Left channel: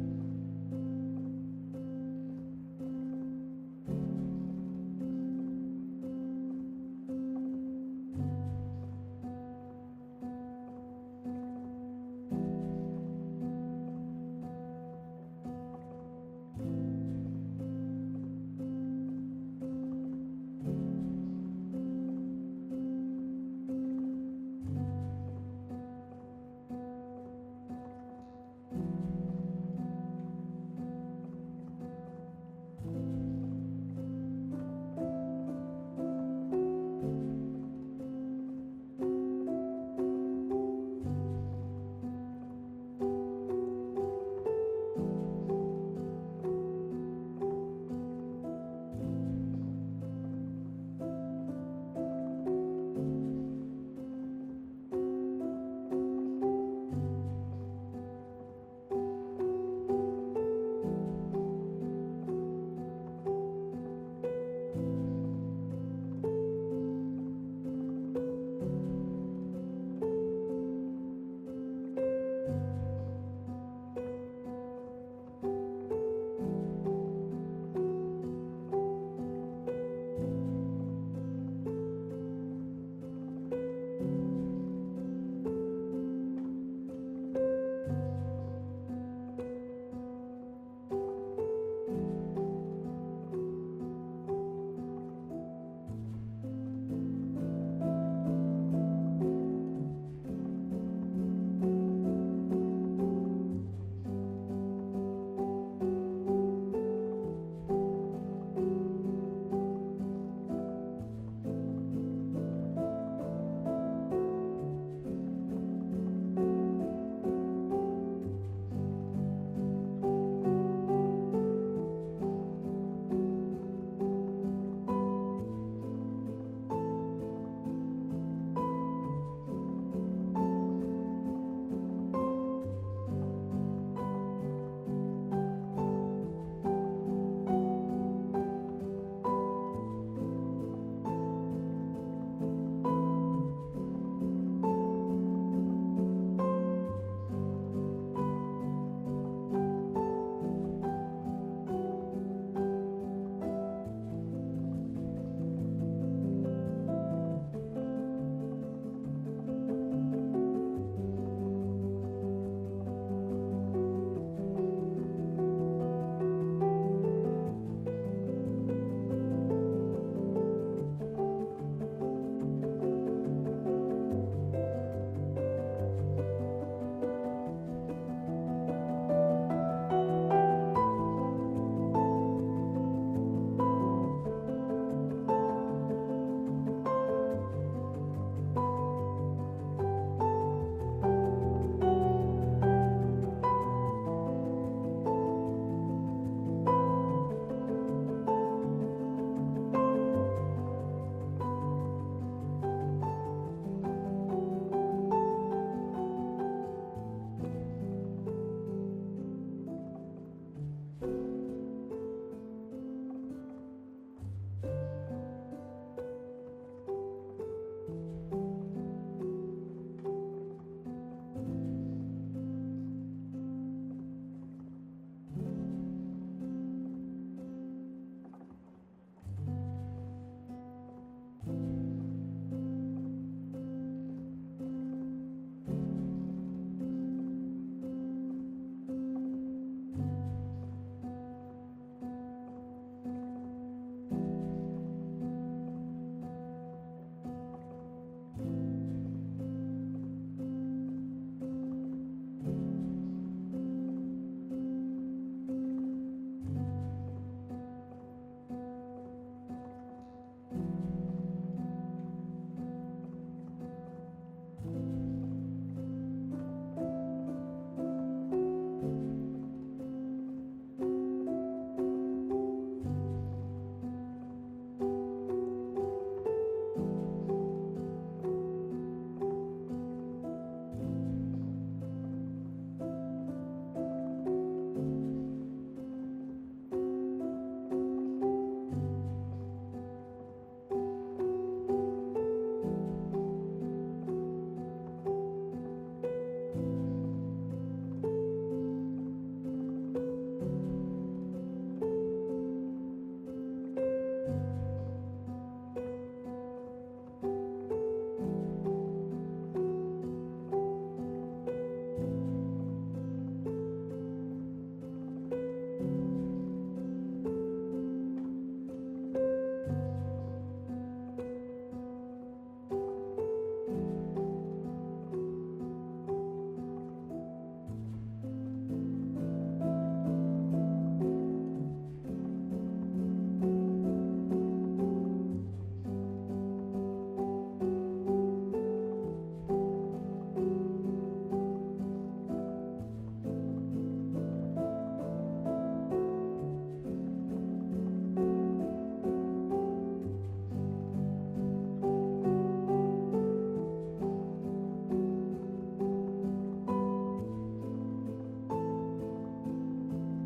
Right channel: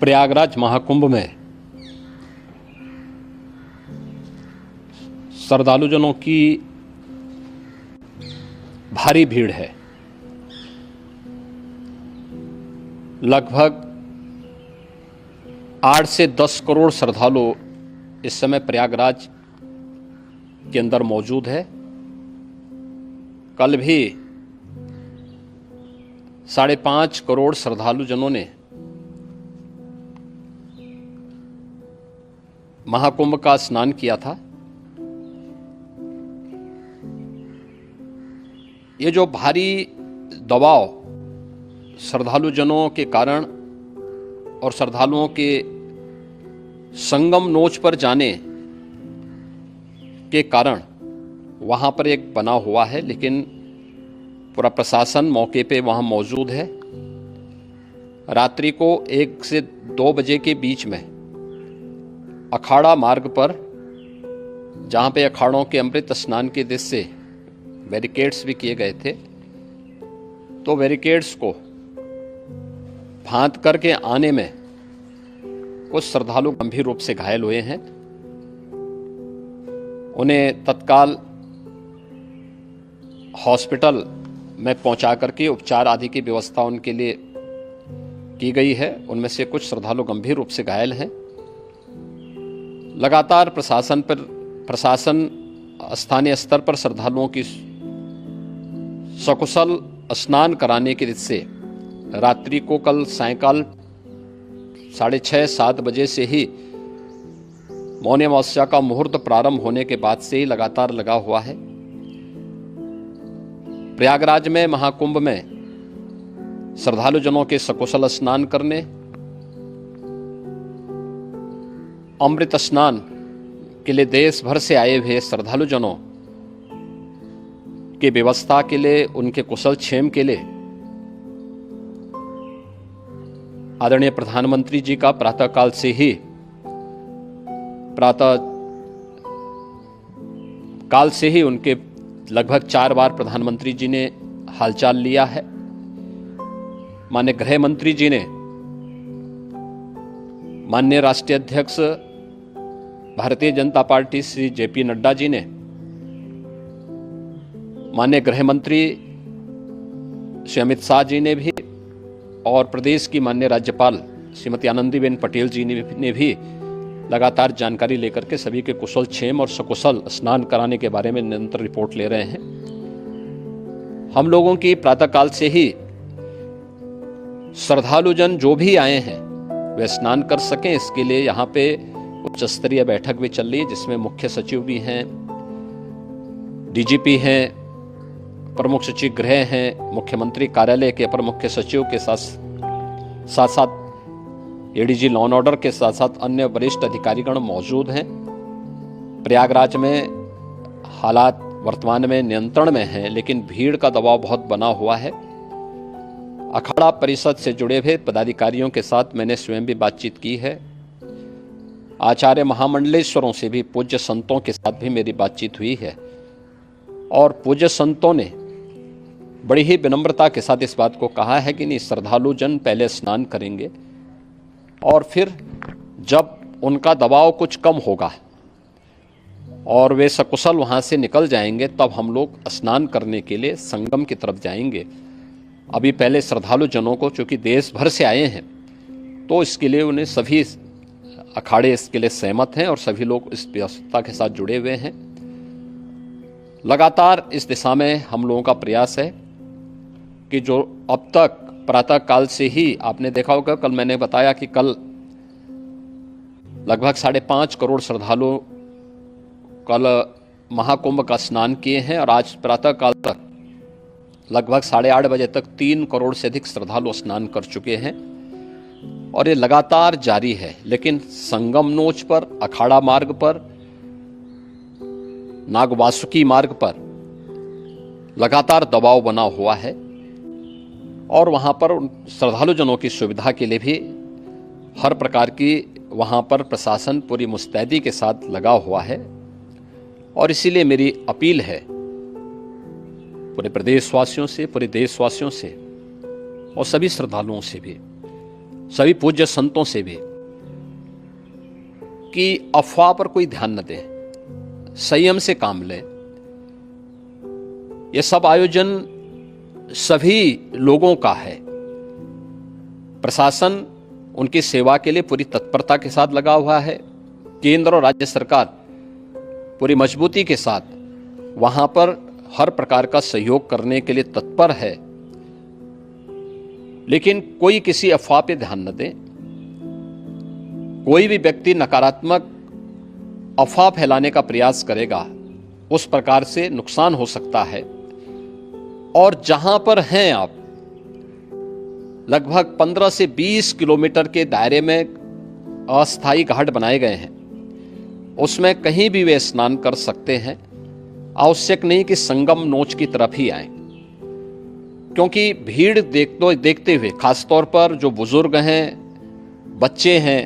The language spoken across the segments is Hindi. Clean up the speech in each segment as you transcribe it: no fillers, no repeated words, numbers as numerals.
प्रयागराज महाकुंभ में श्रद्धालुजनों की भारी भीड़ है। लगभग 8 से 10 करोड़ श्रद्धालु इस समय प्रयागराज के अंदर मौजूद है। कल भी 5.5 करोड़ श्रद्धालुजनों ने महाकुंभ का स्नान किया था। ये जो भारी दबाव श्रद्धालुजनों के कारण और श्रद्धालुओं के संगम नोच पर जाने के कारण वहां पर एक बना हुआ है, लेकिन पूरा प्रशासन मौके पे वहां मौजूद है। रात्रि को 1 से 2 बजे के बीच में अखाड़ा मार्ग पर, जहां पे अखाड़ों के अमृत स्नान के दृश्य से बैरिकेड्स भी किए गए थे, तो बैरिकेड्स को फांद करके आने में कुछ श्रद्धालु गंभीर रूप से घायल हुए हैं। उन्हें तत्काल हॉस्पिटल में पहुंचा करके उपचार आदि की व्यवस्था उनके लिए की गई है। उनमें से कुछ श्रद्धालु गंभीर रूप से घायल हैं। लगातार प्रशासन स्थानीय स्तर पर श्रद्धालुओं की सकुशल स्नान कराने के दृष्टि से रात्रि को कल सायंकाल 6:30-7 बजे से ही मौनी अमावस्या का मुहूर्त प्रारंभ होने के बाद से ही लगातार लगा हुआ है। प्रयागराज में महाकुंभ में श्रद्धालुजनों के सकुशल स्नान करने, अमृत स्नान के लिए देश भर से आए हुए श्रद्धालुजनों की व्यवस्था के लिए, उनके कुशल क्षेम के लिए आदरणीय प्रधानमंत्री जी का प्रातःकाल से ही उनके लगभग 4 बार प्रधानमंत्री जी ने हालचाल लिया है। माननीय गृह मंत्री जी ने, माननीय राष्ट्रीय अध्यक्ष भारतीय जनता पार्टी श्री जेपी नड्डा जी ने, माननीय गृह मंत्री श्री अमित शाह जी ने भी, और प्रदेश की माननीय राज्यपाल श्रीमती आनंदीबेन पटेल जी ने भी लगातार जानकारी लेकर के सभी के कुशल क्षेम और सकुशल स्नान कराने के बारे में निरंतर रिपोर्ट ले रहे हैं। हम लोगों की प्रातःकाल से ही श्रद्धालुजन जो भी आए हैं वे स्नान कर सकें, इसके लिए यहाँ पे उच्च स्तरीय बैठक भी चल रही है, जिसमें मुख्य सचिव भी हैं, डीजीपी हैं, प्रमुख सचिव गृह हैं, मुख्यमंत्री कार्यालय के अपर मुख्य सचिव के साथ एडीजी लॉ एंड ऑर्डर के साथ साथ अन्य वरिष्ठ अधिकारीगण मौजूद हैं। प्रयागराज में हालात वर्तमान में नियंत्रण में हैं, लेकिन भीड़ का दबाव बहुत बना हुआ है। अखाड़ा परिषद से जुड़े हुए पदाधिकारियों के साथ मैंने स्वयं भी बातचीत की है। आचार्य महामंडलेश्वरों से भी, पूज्य संतों के साथ भी मेरी बातचीत हुई है, और पूज्य संतों ने बड़ी ही विनम्रता के साथ इस बात को कहा है कि नहीं, श्रद्धालु जन पहले स्नान करेंगे और फिर जब उनका दबाव कुछ कम होगा और वे सकुशल वहां से निकल जाएंगे, तब हम लोग स्नान करने के लिए संगम की तरफ जाएंगे। अभी पहले श्रद्धालु जनों को, चूंकि देश भर से आए हैं, तो इसके लिए उन्हें सभी अखाड़े इसके लिए सहमत हैं और सभी लोग इस व्यवस्था के साथ जुड़े हुए हैं। लगातार इस दिशा में हम लोगों का प्रयास है कि जो अब तक प्रातः काल से ही आपने देखा होगा, कल मैंने बताया कि कल लगभग 5.5 करोड़ श्रद्धालु कल महाकुंभ का स्नान किए हैं, और आज प्रातः काल तक लगभग 8:30 बजे तक 3 करोड़ से अधिक श्रद्धालु स्नान कर चुके हैं, और ये लगातार जारी है। लेकिन संगम नोच पर, अखाड़ा मार्ग पर, नागवासुकी मार्ग पर लगातार दबाव बना हुआ है, और वहां पर श्रद्धालुजनों की सुविधा के लिए भी हर प्रकार की वहां पर प्रशासन पूरी मुस्तैदी के साथ लगा हुआ है। और इसीलिए मेरी अपील है पूरे प्रदेशवासियों से, पूरे देशवासियों से और सभी श्रद्धालुओं से भी सभी पूज्य संतों से भी कि अफवाह पर कोई ध्यान न दें, संयम से काम लें। यह सब आयोजन सभी लोगों का है। प्रशासन उनकी सेवा के लिए पूरी तत्परता के साथ लगा हुआ है। केंद्र और राज्य सरकार पूरी मजबूती के साथ वहां पर हर प्रकार का सहयोग करने के लिए तत्पर है। लेकिन कोई किसी अफवाह पे ध्यान न दे। कोई भी व्यक्ति नकारात्मक अफवाह फैलाने का प्रयास करेगा, उस प्रकार से नुकसान हो सकता है। और जहां पर हैं आप, लगभग 15 से 20 किलोमीटर के दायरे में अस्थायी घाट बनाए गए हैं। उसमें कहीं भी वे स्नान कर सकते हैं। आवश्यक नहीं कि संगम नोच की तरफ ही आए, क्योंकि भीड़ देखते हुए, खासतौर पर जो बुजुर्ग हैं, बच्चे हैं,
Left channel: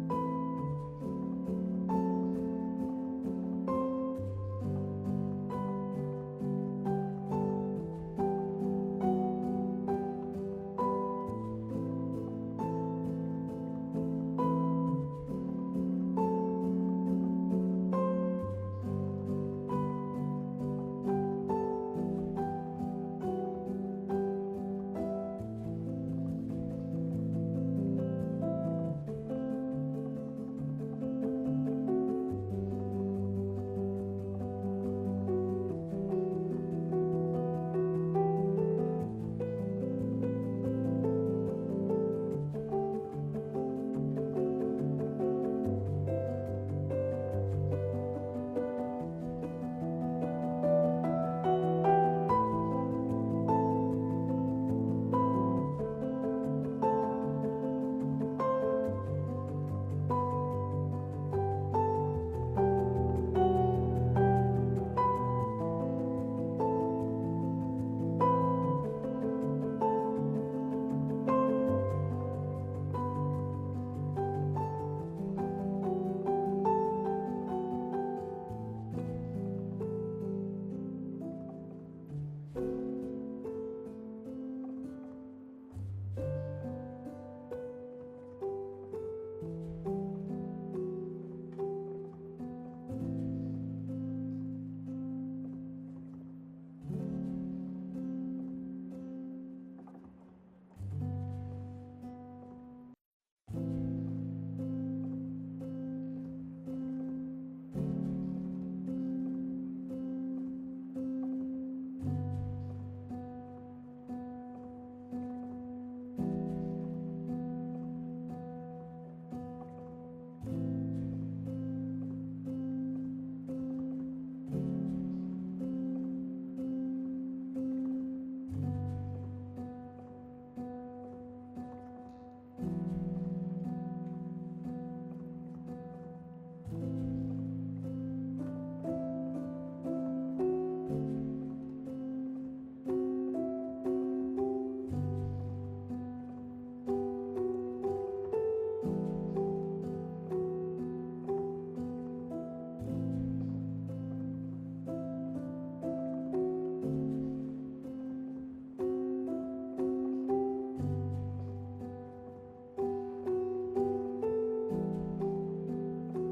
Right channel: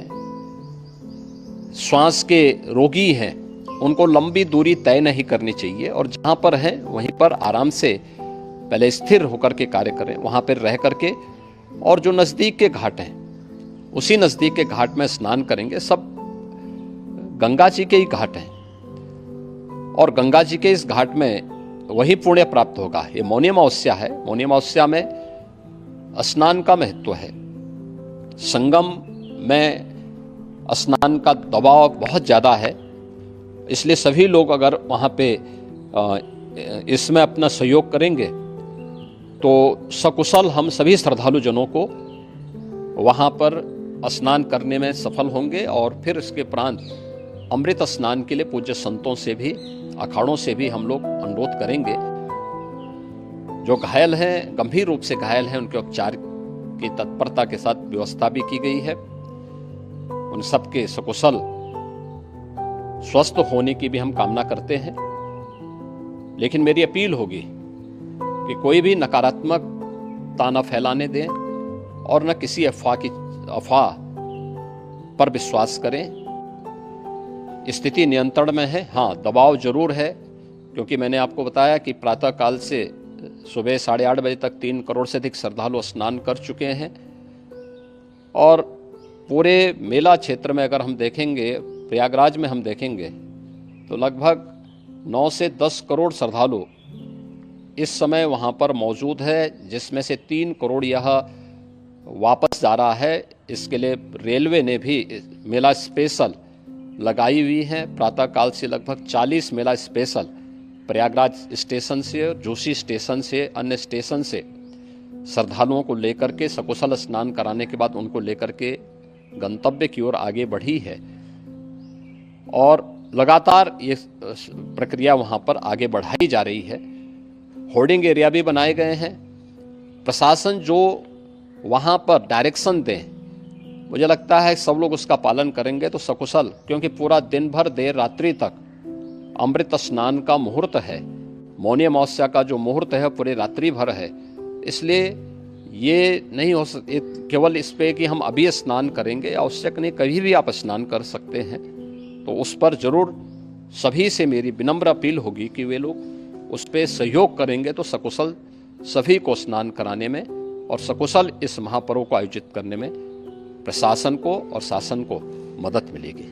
श्वास के रोगी हैं, उनको लंबी दूरी तय नहीं करनी चाहिए। और जहां पर हैं वहीं पर आराम से पहले स्थिर होकर के कार्य करें, वहां पर रह करके। और जो नजदीक के घाट हैं, उसी नजदीक के घाट में स्नान करेंगे। सब गंगा जी के ही घाट हैं और गंगा जी के इस घाट में वही पुण्य प्राप्त होगा। ये मौनी अमावस्या है। मौनी अमावस्या में स्नान का महत्व है। संगम में स्नान का दबाव बहुत ज्यादा है, इसलिए सभी लोग अगर वहां पे इसमें अपना सहयोग करेंगे तो सकुशल हम सभी श्रद्धालु जनों को वहां पर स्नान करने में सफल होंगे। और फिर इसके उपरांत अमृत स्नान के लिए पूज्य संतों से भी, अखाड़ों से भी हम लोग अनुरोध करेंगे। जो घायल हैं, गंभीर रूप से घायल हैं, उनके उपचार की तत्परता के साथ व्यवस्था भी की गई है। उन सबके सकुशल स्वस्थ होने की भी हम कामना करते हैं। लेकिन मेरी अपील होगी कि कोई भी नकारात्मक ताना फैलाने दें और न किसी अफवाह पर विश्वास करें। स्थिति नियंत्रण में है। हाँ, दबाव जरूर है, क्योंकि मैंने आपको बताया कि प्रातः काल से सुबह 8:30 बजे तक 3 करोड़ से अधिक श्रद्धालु स्नान कर चुके हैं। और पूरे मेला क्षेत्र में अगर हम देखेंगे, प्रयागराज में हम देखेंगे तो लगभग 9 से 10 करोड़ श्रद्धालु इस समय वहां पर मौजूद है, जिसमें से 3 करोड़ यह वापस जा रहा है। इसके लिए रेलवे ने भी मेला स्पेशल लगाई हुई है। प्रातः काल से लगभग 40 मेला स्पेशल प्रयागराज स्टेशन से, जोशी स्टेशन से, अन्य स्टेशन से श्रद्धालुओं को लेकर के सकुशल स्नान कराने के बाद उनको लेकर के गंतव्य की ओर आगे बढ़ी है। और लगातार ये प्रक्रिया वहां पर आगे बढ़ाई जा रही है। होर्डिंग एरिया भी बनाए गए हैं। प्रशासन जो वहां पर डायरेक्शन दे, मुझे लगता है सब लोग उसका पालन करेंगे तो सकुशल, क्योंकि पूरा दिन भर देर रात्रि तक अमृत स्नान का मुहूर्त है। मौनी अमावस्या का जो मुहूर्त है पूरे रात्रि भर है। इसलिए ये नहीं हो सकते केवल इस पे कि हम अभी स्नान करेंगे। आवश्यक नहीं, कभी भी आप स्नान कर सकते हैं। तो उस पर जरूर सभी से मेरी विनम्र अपील होगी कि वे लोग उस पर सहयोग करेंगे तो सकुशल सभी को स्नान कराने में और सकुशल इस महापर्व को आयोजित करने में प्रशासन को और शासन को मदद मिलेगी।